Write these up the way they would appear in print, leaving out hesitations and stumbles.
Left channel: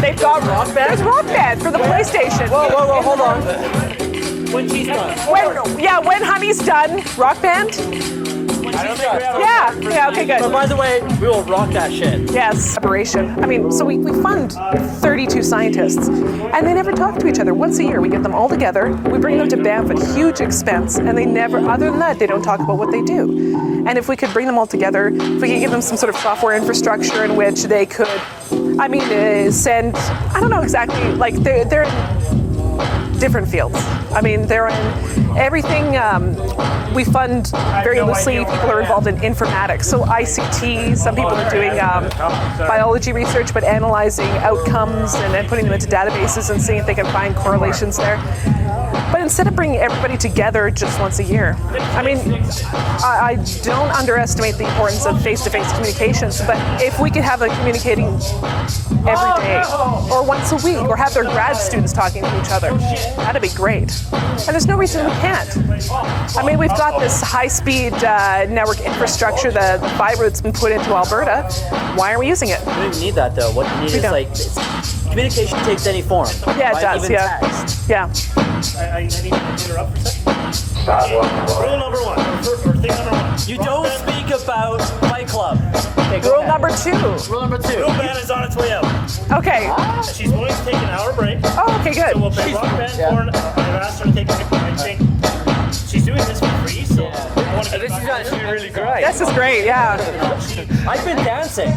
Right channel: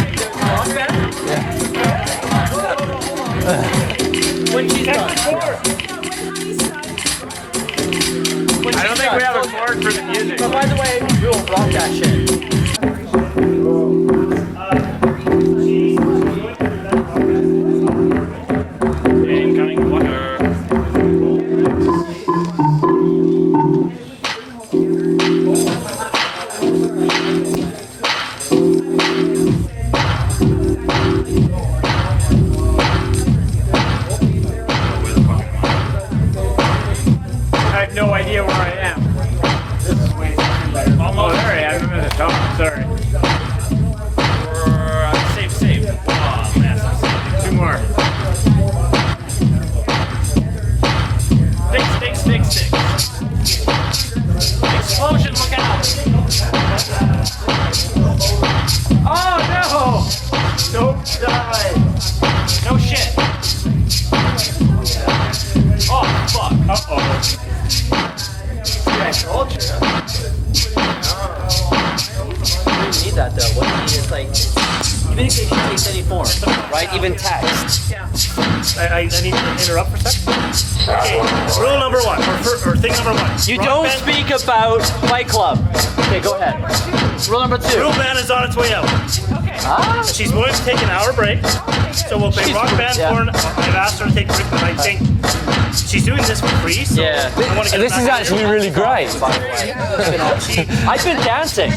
They've got Rock Band for the PlayStation. Whoa, hold on. When she's done. When Honey's done, Rock Band. I don't think we have a word for okay, good. But by the way, we will rock that shit. Yes. Collaboration. I mean, so we fund 32 scientists, and they never talk to each other. Once a year, we get them all together. We bring them to Banff at huge expense, and they never, other than that, they don't talk about what they do. And if we could bring them all together, if we could give them some sort of software infrastructure in which they could, send, I don't know exactly, like they're in different fields. I mean, they're in everything. We fund very loosely people who are involved in informatics. So ICT, some people are doing biology research, but analyzing outcomes and then putting them into databases and seeing if they can find correlations there. But instead of bringing everybody together just once a year, I don't underestimate the importance of face-to-face communications, but if we could have them communicating every day, or once a week, or have their grad students talking to each other, that'd be great. And there's no reason we can't. I mean, we've got this high-speed network infrastructure, the fiber that's been put into Alberta. Why aren't we using it? We don't need that though. What you need is like communication takes any form, yeah, right? It does, Even yeah. text. Yeah. And I need to interrupt for a second. Okay, rule number one, or thing number one. You don't speak about Fight Club. Okay, go Rule ahead. number 2. Rule number 2. Rule band is on its way out. Okay. She's going to take an hour break. Oh, okay, good. So we'll play Rock Band porn. I've asked her to take a break, but I think she's doing this for free. So Yeah. And this is actually really great. This is great, yeah. I've been dancing.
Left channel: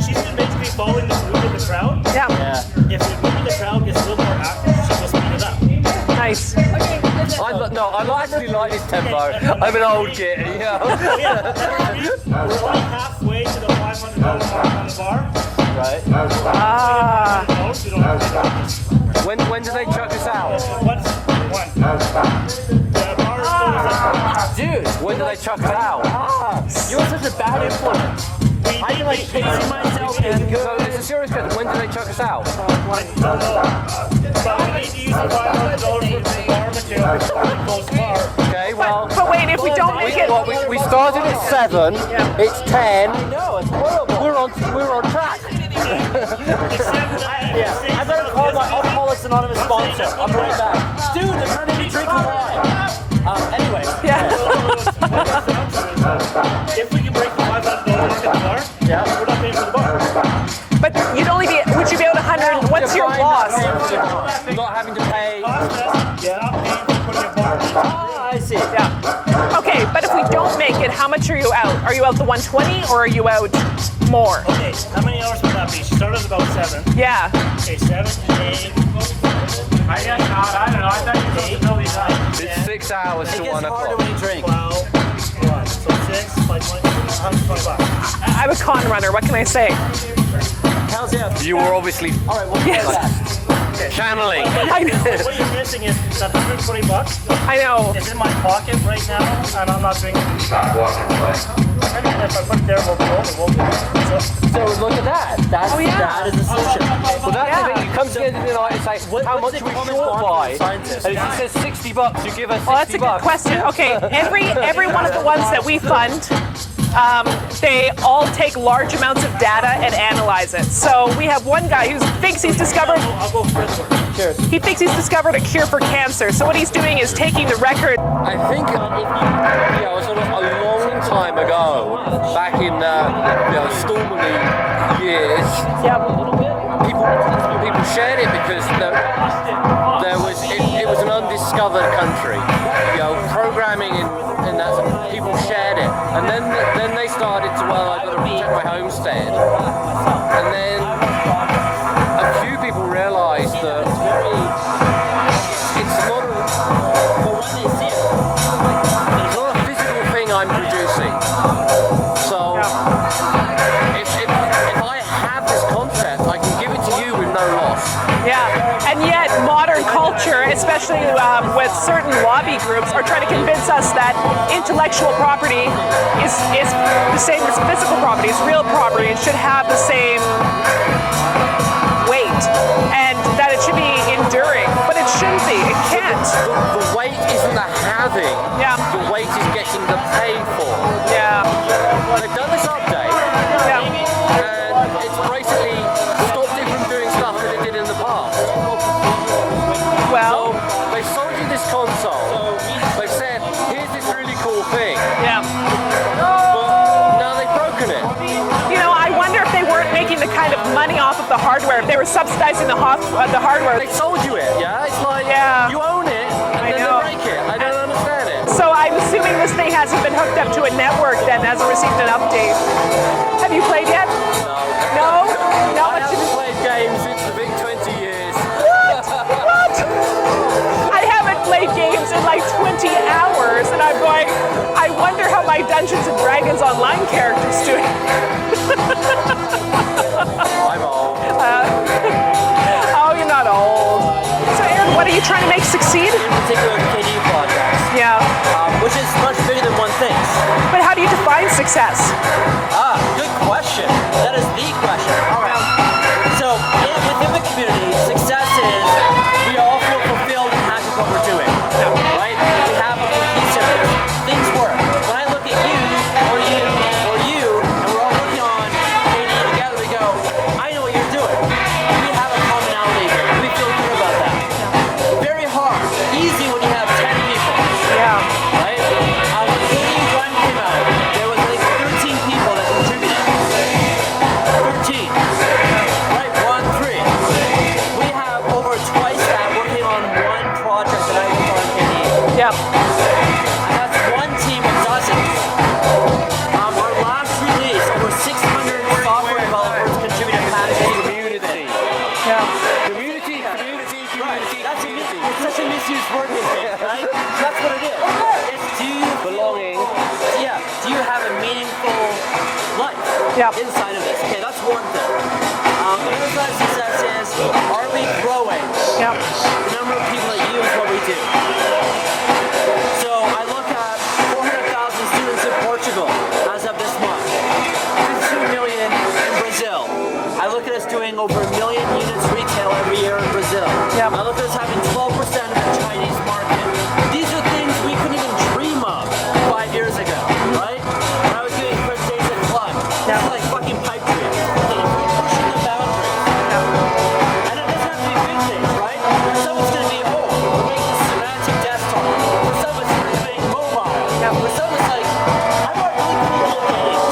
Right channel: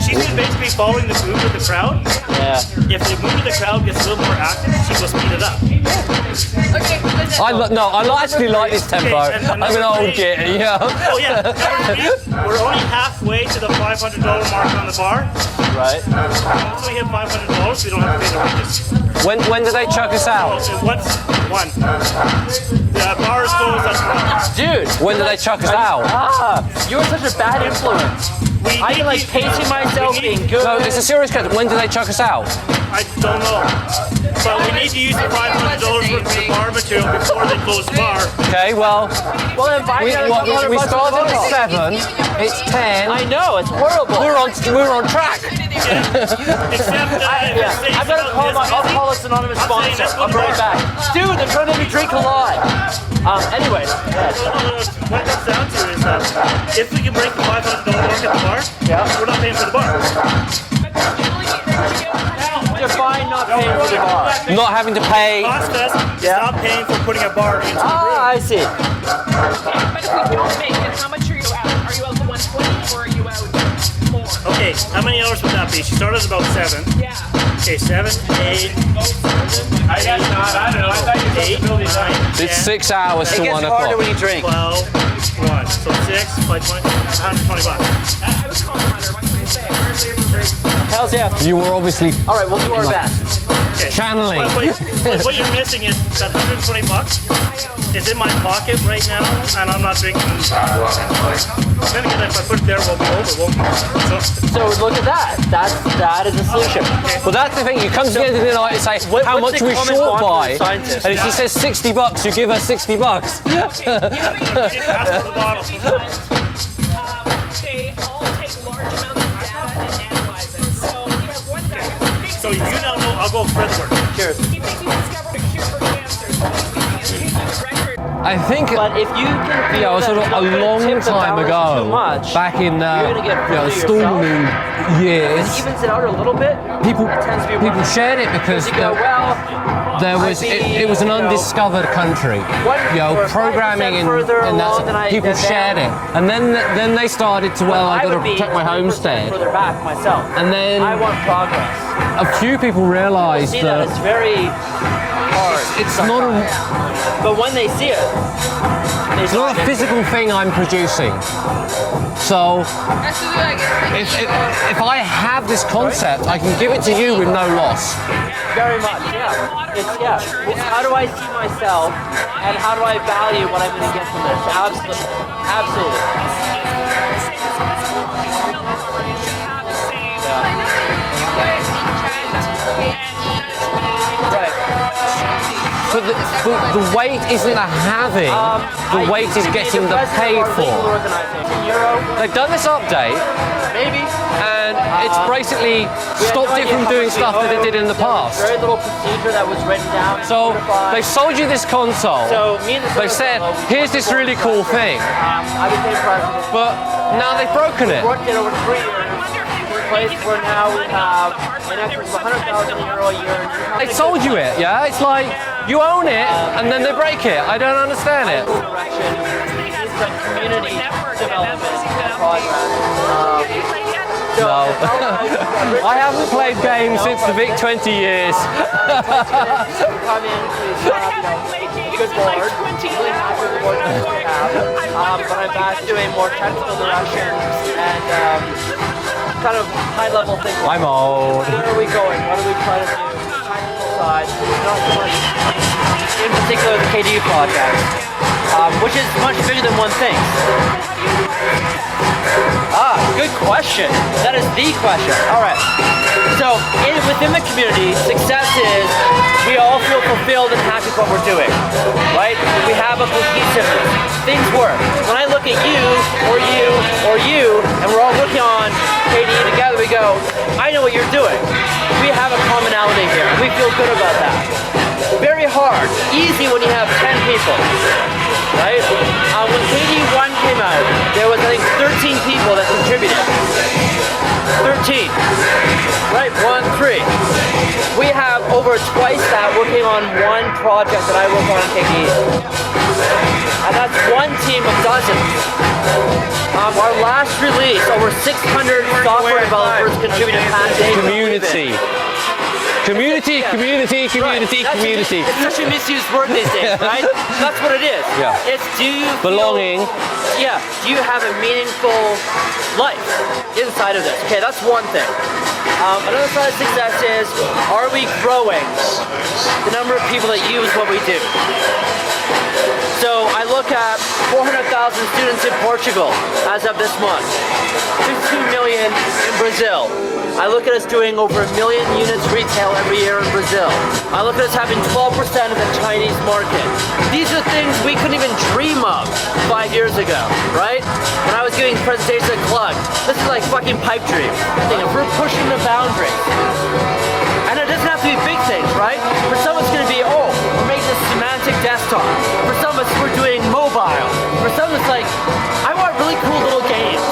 She's been basically following the mood of the crowd. Yeah. Yeah. If the mood of the crowd gets a little more active, she will speed it up. Nice. I actually like this tempo. I'm an old git, yeah. Oh yeah, we're only halfway to the $500 mark on the bar. Right. Once we hit $500, we don't have to pay the wages. When do they chuck us out? So what's one? The bar is going with us. Dude, When do they chuck us out? you're such a bad influence. I'm like pacing myself being good. No, it's a serious question. When do they chuck us out? I don't know. So we need to use the $500 worth of the bar material before they close the bar. Okay, well, But wait, if we don't make it, we started at 7. It's 10. I know, it's horrible. We're on track. I better I'll call us anonymous sponsor. I'll be right back. Dude, they're trying to make me drink a lot. Anyway. What it comes down to is that if we can break the $500 mark at the bar, we're not paying for the bar. but would you be able to 100? What's your Define not loss? paying for the bar. Not having to pay. COSSFest is not paying for putting a bar into the room. I see. Okay, but if we don't make it, how much are you out? Are you out the 120 or are you out more? Okay, how many hours would that be? She started at about 7. Yeah. Okay, 7, 8. I guess not. I don't know. I thought you were supposed to build these night. It's 6 hours It to gets 1 harder o'clock. when you drink. 12, 1. So 6, like 20 I'm a con runner. What can I say? Hells yeah. You were obviously All right, we'll do our best. channeling. What you're missing is $120 I know. is in my pocket right now, and I'm not drinking. Then if I put it there, we'll be over, won't we? So look at that. That is the solution. Well, that's the thing. You come to the end of the night and say, how much are we short by? And if she says $60, you give her Well, that's a $60. good question. Okay, every one of the ones that we fund, they all take large amounts of data and analyze it. So we have one guy who thinks he's discovered. I'll go Fredward. Cheers. He thinks he's discovered a cure for cancer. So what he's doing is taking the record. I think But if you yeah, it was a long time ago, back in stormy years, evens out a little bit, people shared it because it was an undiscovered country. Programming and that people shared it, and then they started to I got to protect my homestead, further back myself. and then I want progress. a few people realised See that that it's very hard. it's not a But when they see it, It's not a physical thing I'm producing. So, if I have this concept, I can give it to you with no loss. Yeah. And yet modern culture, especially with certain lobby groups, are trying to convince us that intellectual property is the same as physical property, is real property, and should have the same weight, and that it should be enduring. But it shouldn't be. It can't. The weight isn't the having. Yeah. The weight is getting the paid for. Yeah. They've done this update, and it's basically stop different sold you this console. So me and the They said, here's this really cool thing. Yeah. But now they've broken it. You know, I wonder if they weren't making the kind of money off of the hardware. If they were subsidizing the hardware. They sold you it, yeah? It's like, you own it, and then they break it. I don't understand it. So I'm assuming this thing hasn't been hooked up to a network that hasn't received an update. Have you played yet? No. No? I haven't played games since the big 20 years. I haven't played games in like 20 hours, and I'm going, I wonder how my Dungeons and Dragons online characters do. kind of high level thing. I'm old. What are we going? What are we playing? Oh, you're not old. So Aaron, what are you trying to make succeed? In particular, the KDU project, Yeah. which is much bigger than one thing. But how do you define success? Good question. That is the question. All right. So within the community, success is we all feel fulfilled and happy with what we're doing, right? We have a cohesiveness. Things work. When I look at you, or you, or you, and we're all looking on KDE together, we go, I know what you're doing. We have a commonality here. We feel good about that. Very hard. Easy when you have 10 people. Yeah. Right? When KDE 1 came out, there was, I think, 13 people that contributed. 13. Right? 1, 3. We have over twice that working on one project that I work on KDE. Yeah. And that's one team of dozens. Our last release, over 600 software developers contributed past Community. Community, community, community, community. It's such a misused word these days, right? That's what it is. Yeah. It's do you Belonging. do you have a meaningful life Yeah. inside of this? Okay, that's one thing. Another side of success is, are we growing Yeah. the number of people that use what we do? So I look at 400,000 students in Portugal as of this month, 15 million in Brazil. I look at us doing over 1 million units retail every year in Brazil. Yep. I look at us having 12% of the Chinese market. These are things we couldn't even dream of 5 years ago, right? When I was giving presentations at Club, this is like fucking pipe dream. We're pushing the boundary. And it doesn't have to be big things, right? For some it's going to be, we're making a semantic desktop. For some it's we're doing mobile. For some it's like, I want really cool little games.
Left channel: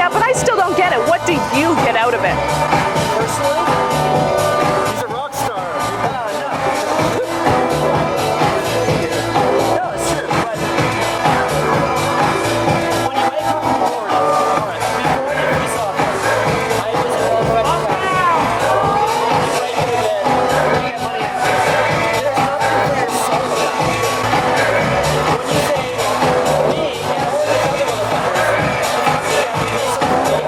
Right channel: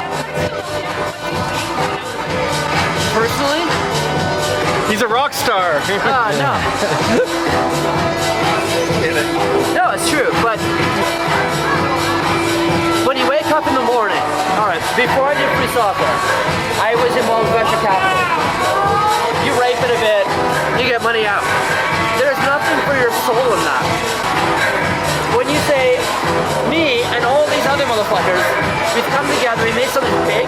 Yeah, but I still don't get it. What do you get out of it? Personally, He's a rock star. no. No, it's true, but when you wake up in the morning, all right, before I did free software, I was involved with venture capital. You rape it a bit, you get money out. There's nothing for your soul in that. When you say, me and all these other motherfuckers, we've come together, we made something big,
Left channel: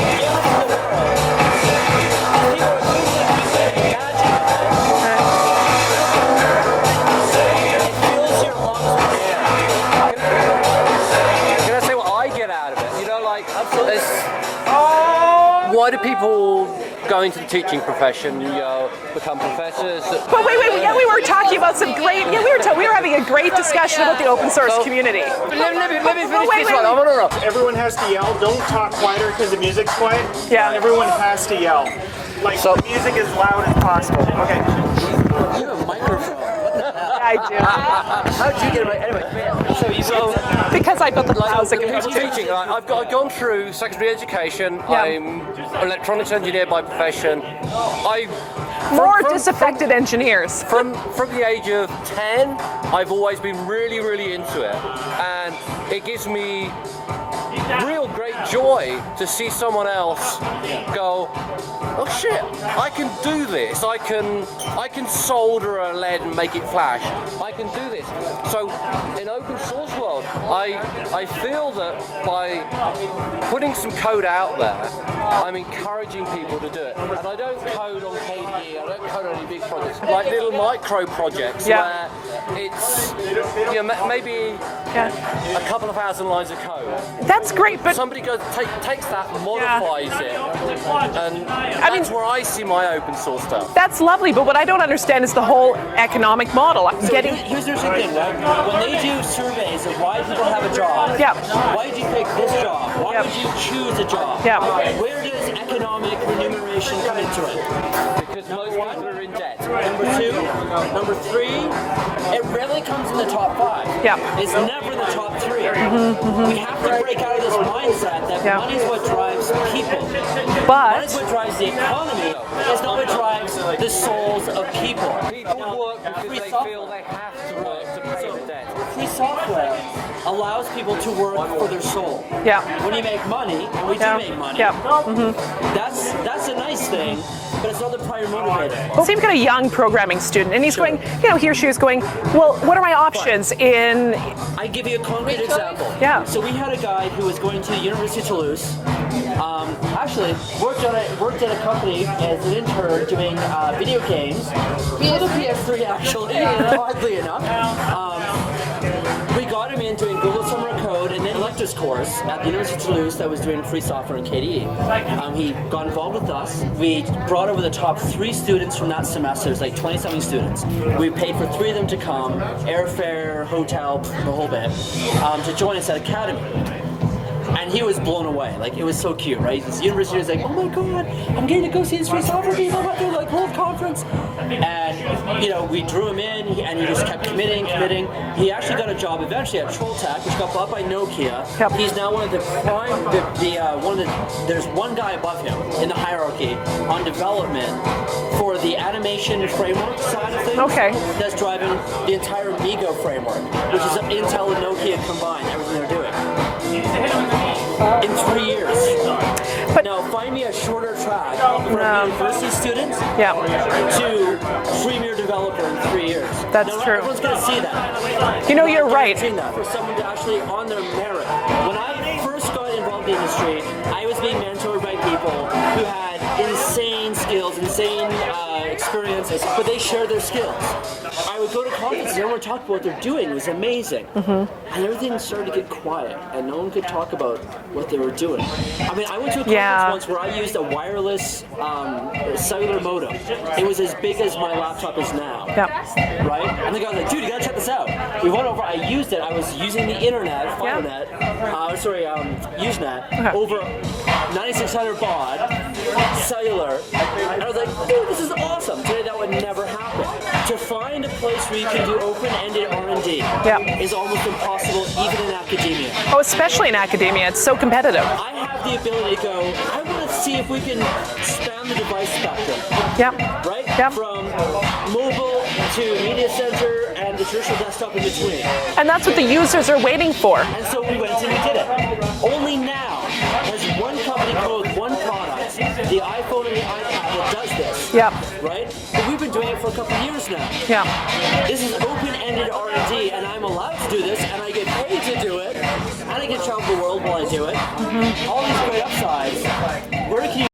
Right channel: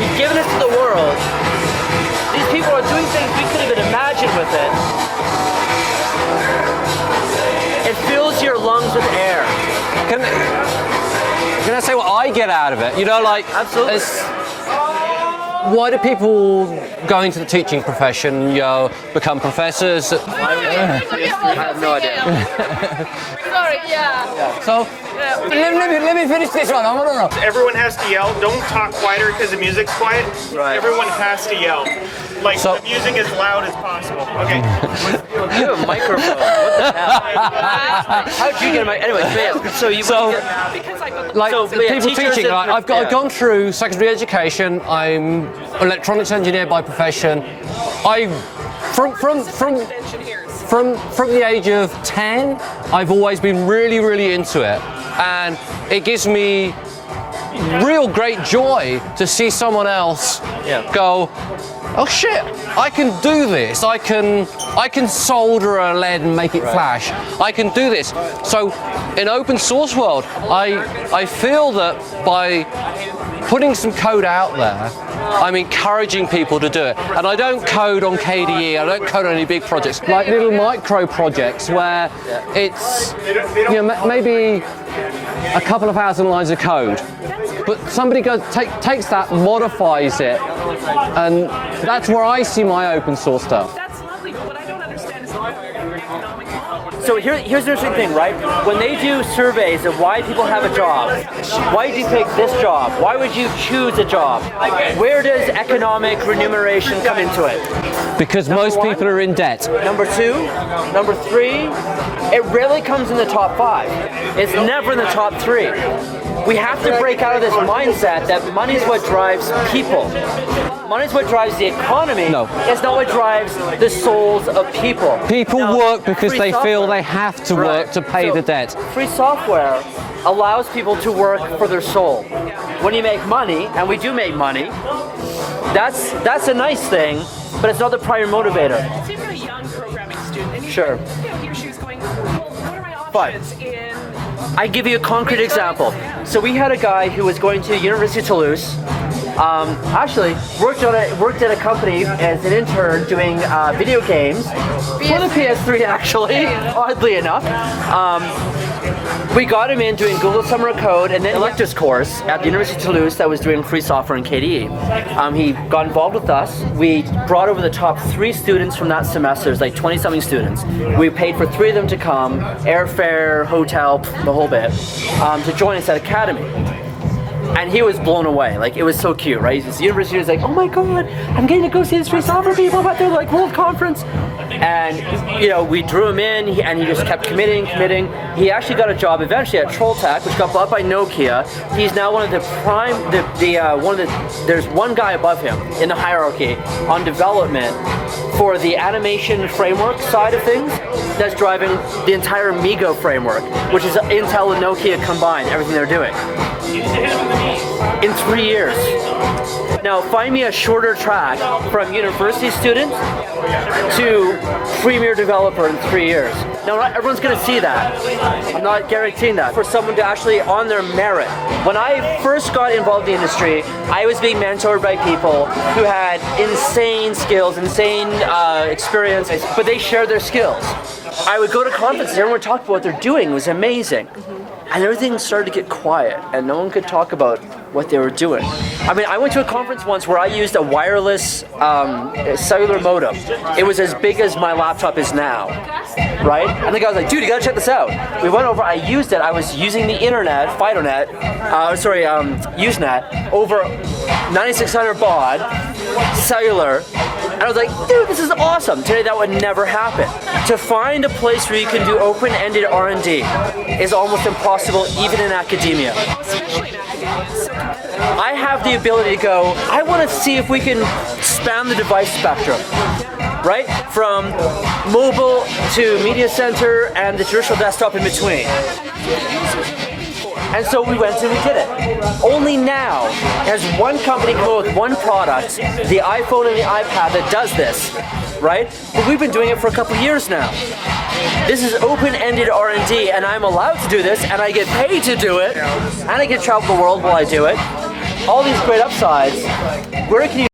we've given it to the world. These people are doing things we couldn't even imagine with it. It fills your lungs with air. Can I say what I get out of it? You know, like, Absolutely. why do people go into the teaching profession, become professors? Wait. We were talking about some great. We were having a great discussion about the open source community. Let me finish Wait, this one. I want to know. Everyone has to yell. Don't talk quieter because the music's quiet. Yeah. Everyone has to yell. Like, So- the music as loud as possible. Okay. You have a microphone. What the hell? How'd you get a mic? Anyway, man, so you Because I built the Like, clouds. yeah, people teachers teaching, and- like, I've gone through secondary education. I'm electronics engineer by profession. More disaffected engineers. From the age of 10, I've always been really, really into it, and it gives me real great joy to see someone else go, oh shit, I can do this. I can solder a lead and make it flash. I can do this. So in open source world, I feel that by putting some code out there, I'm encouraging people to do it. And I don't code on KDE, I don't code on any big projects, like little micro projects where it's maybe a couple of thousand lines of code. That's great, But but somebody takes that, modifies it, And that's where I see my open source stuff. That's lovely, but what I don't understand is the whole economic model. So here's the interesting thing, right? When they do surveys of why people have a job, Yeah. why did you pick this job? Why would you choose a job? Yeah. Where does economic remuneration come into it? Because most people are in debt. Number 2, number 3, it rarely comes in the top 5. Yeah. It's never in the top 3. We have to break out of this mindset that money's what drives people. But Money's what drives the economy. No. It's not what drives the souls of people. People Now, work because free they feel software- they have to work to pay So, the debt. Free software allows people to work for their soul. Yeah. When you make money, and we do make money, Yeah. that's a nice thing, but it's not the primary motivator. So you've got a young programming student, and he's Sure. going, he or she is going, well, what are my options in? I give you a concrete example. Yeah. So we had a guy who was going to University of Toulouse. Actually, worked at a company as an intern doing video games for the PS3. Actually, oddly enough. We got him in doing Google Summer of Code and then electives course at the University of Toulouse that was doing free software and KDE. He got involved with us. We brought over the top 3 students from that semester. There's like 20-something students. We paid for 3 of them to come, airfare, hotel, the whole bit, to join us at Academy. And he was blown away. Like, it was so cute, right? His university was like, oh my god, I'm getting to go see these free software people at their like world conference. And we drew him in, and he just kept committing. He actually got a job eventually at Trolltech, which got bought by Nokia. He's now one of the there's one guy above him in the hierarchy on development for the animation framework side of things. Okay. That's driving the entire Migo framework, which is Intel and Nokia combined, everything they're doing. In 3 years. But now find me a shorter track from university student to premier developer in 3 years. That's now, not true. everyone's going to see that. You're I'm not right. guaranteeing that. For someone to actually on their merit. When I first got involved in the industry, I was being mentored by people who had insane skills, insane experience, but they shared their skills. I would go to conferences, everyone talked about what they're doing. It was amazing. And everything started to get quiet, and no one could talk about what they were doing. I mean, I went to a conference once where I used a wireless cellular modem. It was as big as my laptop is now, right? And the guy was like, dude, you gotta check this out. We went over, I used it, I was using the internet, Usenet, over 9600 baud, cellular, and I was like, dude, this is awesome. Today that would never happen. To find a place where you can do open-ended R&D is almost impossible, even in academia. Oh, especially in academia, it's so competitive. I have the ability to go, I want to see if we can span the device spectrum. Right? From mobile to media center and the traditional desktop in between. And that's what the users are waiting for. And so we went and we did it. Only now has one company come up with one product, the iPhone and the iPad, that does this. Right? But we've been doing it for a couple of years now. This is open-ended R&D, and I'm allowed to do this, and I get paid to do it, and I get to travel the world while I do it. All these great upsides. Where can you